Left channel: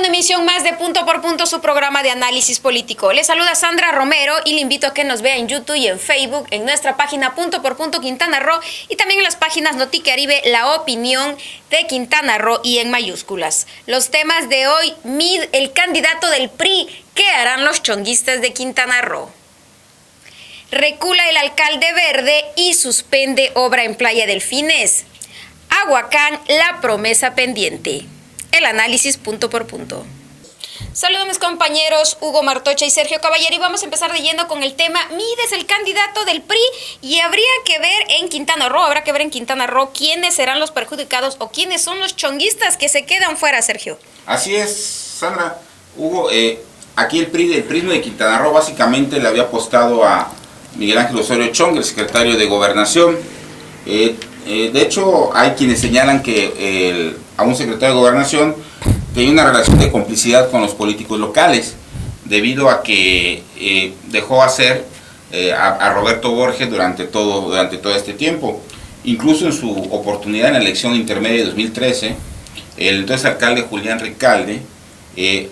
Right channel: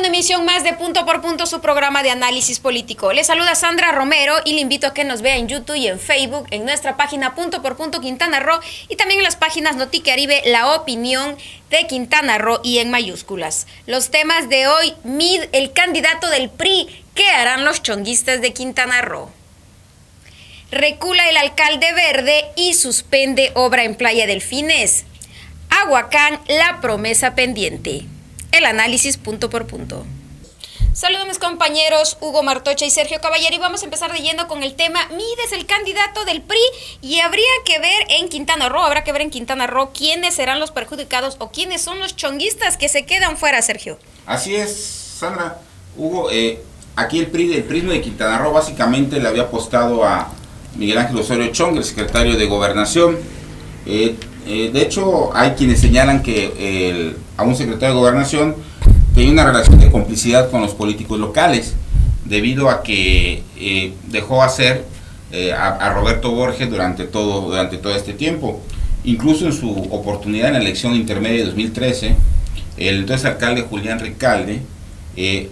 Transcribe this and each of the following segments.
una emisión más de Punto por Punto, su programa de análisis político. Les saluda Sandra Romero y le invito a que nos vea en YouTube y en Facebook, en nuestra página Punto por Punto Quintana Roo y también en las páginas Noticaribe, La Opinión de Quintana Roo y en mayúsculas. Los temas de hoy: Mid, el candidato del PRI, ¿qué harán los chonguistas de Quintana Roo? Recula el alcalde verde y suspende obra en Playa Delfines. Aguacán, la promesa pendiente. El análisis punto por punto. Saludos a mis compañeros Hugo Martocha y Sergio Caballero y vamos a empezar de lleno con el tema. Mid es el candidato del PRI y habrá que ver en Quintana Roo quiénes serán los perjudicados o quiénes son los chonguistas que se quedan fuera, Sergio. Así es, Sandra. Hugo, aquí el PRI de Quintana Roo básicamente le había apostado a Miguel Ángel Osorio Chong, el secretario de Gobernación. De hecho, hay quienes señalan que a un secretario de Gobernación tenía una relación de complicidad con los políticos locales, debido a que dejó hacer a Roberto Borges durante todo este tiempo. Incluso en su oportunidad en la elección intermedia de 2013, el entonces alcalde Julián Recalde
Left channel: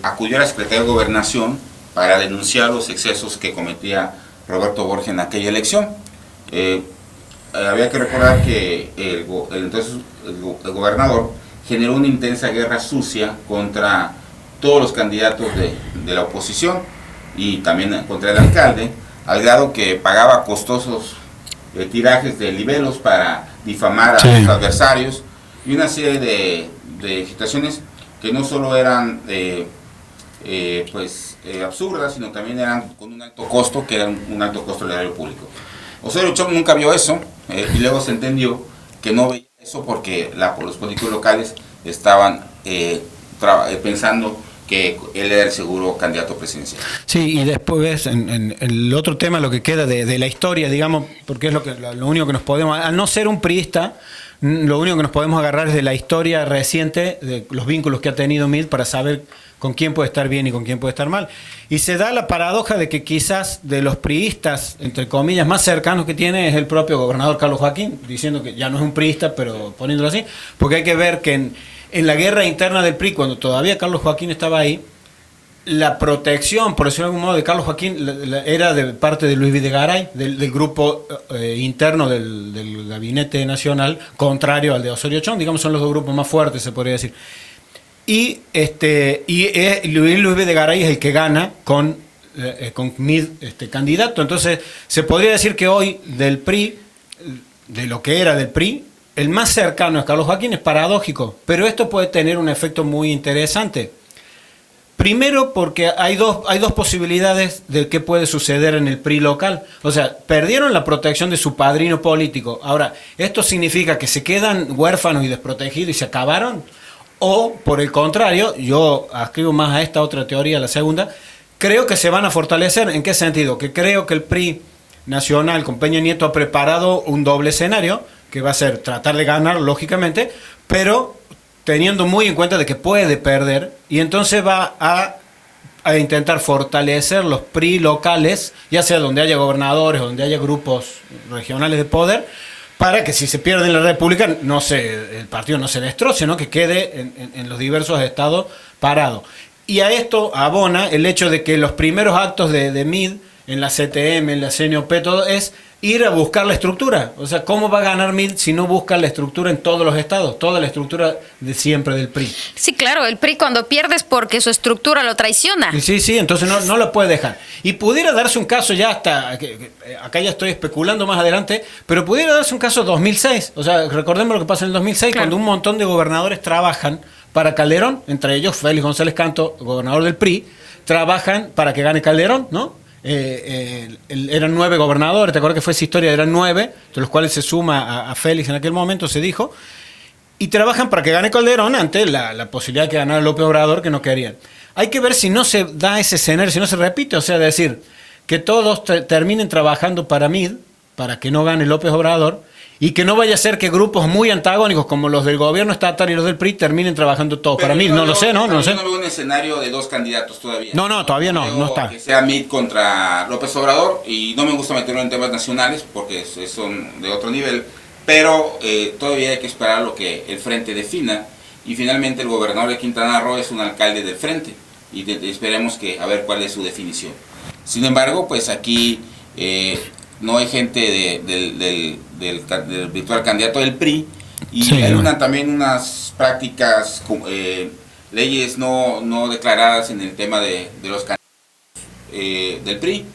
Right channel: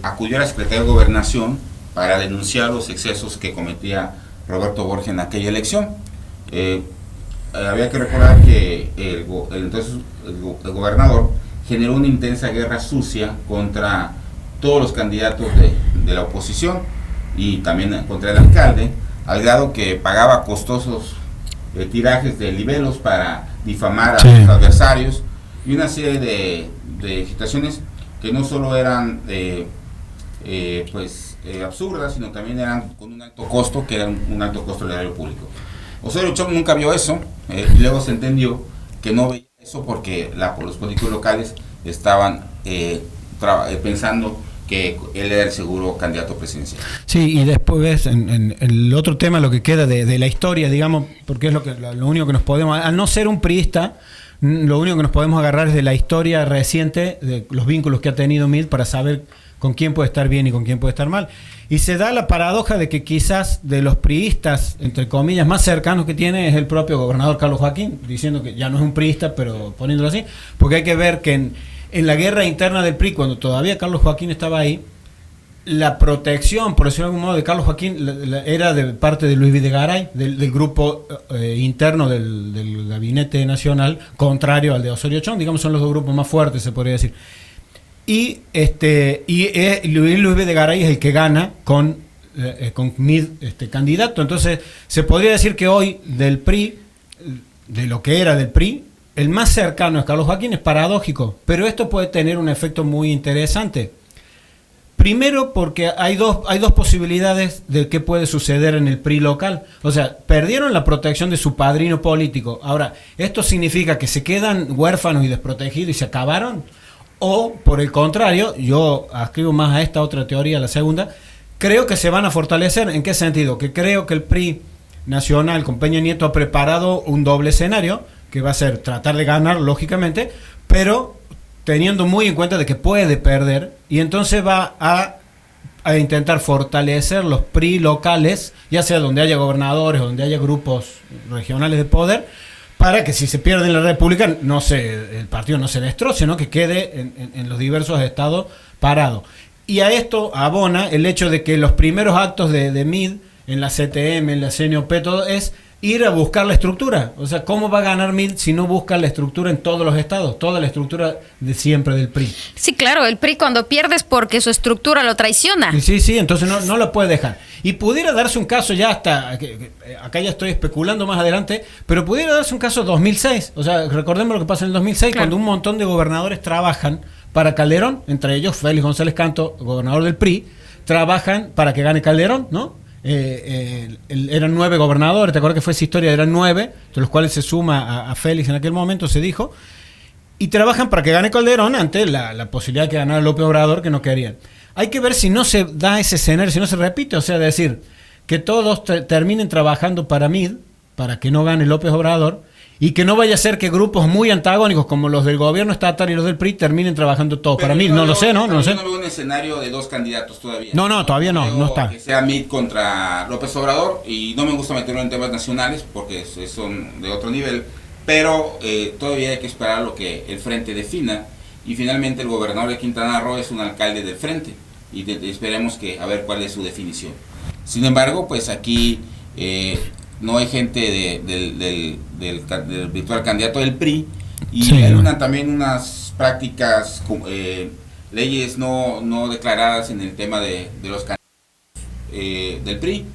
acudió a la Secretaría de Gobernación para denunciar los excesos que cometía Roberto Borges en aquella elección. Había que recordar que el gobernador generó una intensa guerra sucia contra todos los candidatos de la oposición y también contra el alcalde, al grado que pagaba costosos tirajes de libelos para difamar a sus adversarios y una serie de situaciones que no solo eran absurdas, sino también eran con un alto costo, que era un alto costo del erario público. Osorio Chong nunca vio eso y luego se entendió que no veía eso porque los políticos locales estaban pensando que él era el seguro candidato presidencial. Sí, y después ves en el otro tema lo que queda de la historia, digamos, porque es lo único que nos podemos, al no ser un priista, lo único que nos podemos agarrar es de la historia reciente, de los vínculos que ha tenido Mid para saber con quién puede estar bien y con quién puede estar mal. Y se da la paradoja de que quizás de los priistas, entre comillas, más cercanos que tiene es el propio gobernador Carlos Joaquín, diciendo que ya no es un priista, pero poniéndolo así, porque hay que ver que en la guerra interna del PRI, cuando todavía Carlos Joaquín estaba ahí, la protección, por decirlo de algún modo, de Carlos Joaquín era de parte de Luis Videgaray, del grupo interno del Gabinete Nacional, contrario al de Osorio Chong. Digamos, son los dos grupos más fuertes, se podría decir. Y Luis Videgaray es el que gana con Mid candidato. Entonces, se podría decir que hoy del PRI, de lo que era del PRI, el más cercano es Carlos Joaquín. Es paradójico, pero esto puede tener un efecto muy interesante. Primero, porque hay dos posibilidades de qué puede suceder en el PRI local. O sea, perdieron la protección de su padrino político. Ahora, ¿esto significa que se quedan huérfanos y desprotegidos y se acabaron? O, por el contrario, yo adscribo más a esta otra teoría, la segunda, creo que se van a fortalecer. ¿En qué sentido? Que creo que el PRI nacional con Peña Nieto ha preparado un doble escenario, que va a ser tratar de ganar, lógicamente, pero teniendo muy en cuenta de que puede perder, y entonces va a intentar fortalecer los PRI locales, ya sea donde haya gobernadores o donde haya grupos regionales de poder, para que si se pierde en la República el partido no se destroce, ¿no? Que quede en los diversos estados parado. Y a esto abona el hecho de que los primeros actos de Mid en la CTM, en la CNOP, todo es ir a buscar la estructura. O sea, ¿cómo va a ganar Mid si no busca la estructura en todos los estados? Toda la estructura de siempre del PRI. Sí, claro, el PRI cuando pierde es porque su estructura lo traiciona. Sí, entonces no lo puede dejar. Y pudiera darse un caso ya acá ya estoy especulando más adelante, pero pudiera darse un caso 2006. O sea, recordemos lo que pasa en el 2006, claro, cuando un montón de gobernadores trabajan para Calderón, entre ellos Félix González Canto, gobernador del PRI, trabajan para que gane Calderón, ¿no? Eran 9 gobernadores, ¿te acuerdas que fue esa historia? Eran 9, de los cuales se suma a Félix en aquel momento, se dijo, y trabajan para que gane Calderón ante la posibilidad de que ganara López Obrador, que no querían. Hay que ver si no se da ese escenario, si no se repite, o sea, decir que todos terminen trabajando para Mid, para que no gane López Obrador, y que no vaya a ser que grupos muy antagónicos como los del gobierno estatal y los del PRI terminen trabajando todos para Mid. No lo sé, ¿no? No sé. Yo no veo un escenario de dos candidatos todavía. No, todavía no está. Que sea Mid contra López Obrador, y no me gusta meterlo en temas nacionales porque son de otro nivel, pero todavía hay que esperar lo que el frente defina. y finalmente el gobernador de Quintana Roo es un alcalde del frente, y esperemos que a ver cuál es su definición. Sin embargo, pues aquí no hay gente del virtual candidato del PRI, y sí, hay no. también unas prácticas, leyes no declaradas en el tema de los candidatos del PRI.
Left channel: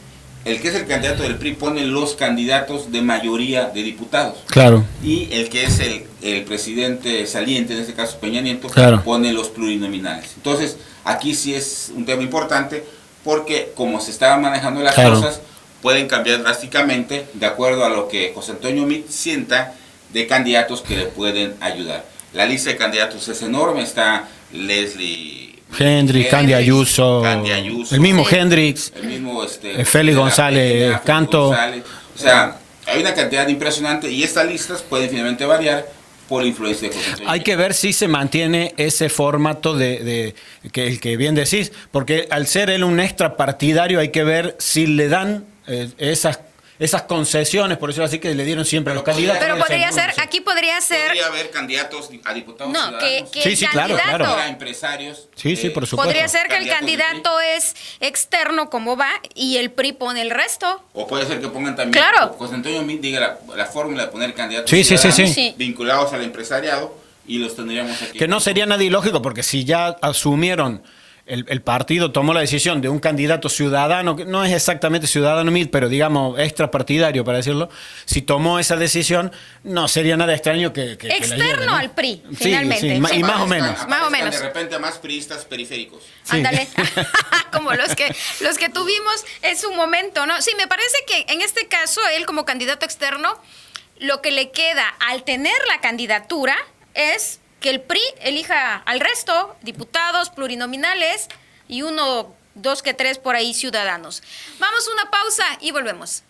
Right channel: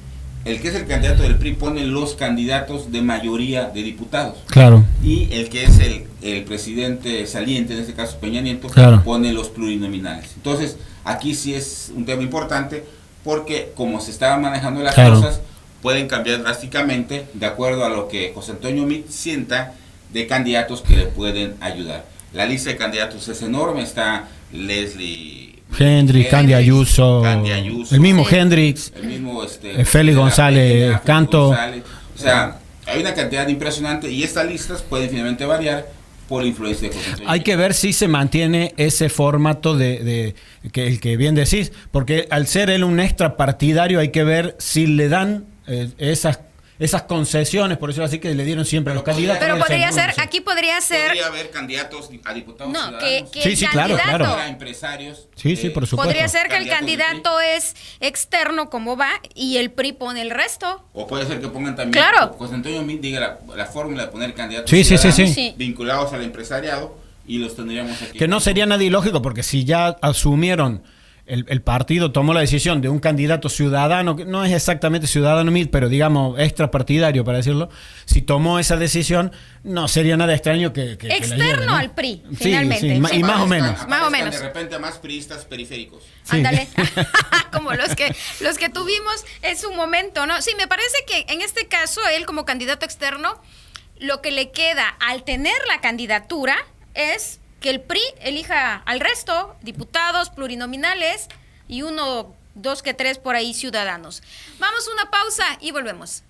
El que es el candidato del PRI pone los candidatos de mayoría de diputados. Claro. Y el que es el presidente saliente, en este caso Peña Nieto, Claro. pone los plurinominales. Entonces, aquí sí es un tema importante, porque como se estaban manejando las Claro. cosas, pueden cambiar drásticamente de acuerdo a lo que José Antonio Meade sienta de candidatos que le pueden ayudar. La lista de candidatos es enorme, está Leslie Hendrix, Candy Ayuso, el mismo Sí. Hendrix, el mismo Félix González, Félix Canto. González. O sea, hay una cantidad impresionante, y estas listas pueden finalmente variar por la influencia de José Antonio Hay Meade. que ver si se mantiene ese formato de que el que bien decís, porque al ser él un extra partidario hay que ver si le dan esas concesiones, por decirlo así, que le dieron siempre a los Pero candidatos. Pero del podría centro, ser, no sé. aquí podría ser, Podría haber candidatos a diputados no, ciudadanos, que Sí, el sí, claro, candidato, claro. para empresarios. Sí, sí, por supuesto. podría ser que el Candidatos del candidato es externo, como va, y el PRI pone el resto. O puede ser que pongan también, Claro. José Antonio Meade diga la fórmula de poner candidatos Sí, sí, sí, ciudadanos sí. vinculados al empresariado, y los tendríamos aquí. Que no sería nada ilógico, porque si ya asumieron, el partido tomó la decisión de un candidato ciudadano, que no es exactamente ciudadano Meade, pero digamos extra partidario, para decirlo, si tomó esa decisión, no sería nada extraño que la Externo lleven, ¿no? al PRI, Sí, finalmente. sí, Sí. y más o Aparezcan- menos. Más o aparezcan menos. de repente más priistas periféricos. Sí. Ándale, como los que tuvimos en su momento, ¿no? Sí, me parece que en este caso, él como candidato externo, lo que le queda al tener la candidatura es que el PRI elija al resto, diputados, plurinominales, y 1, 2, 3 por ahí ciudadanos. Vamos a una pausa y volvemos.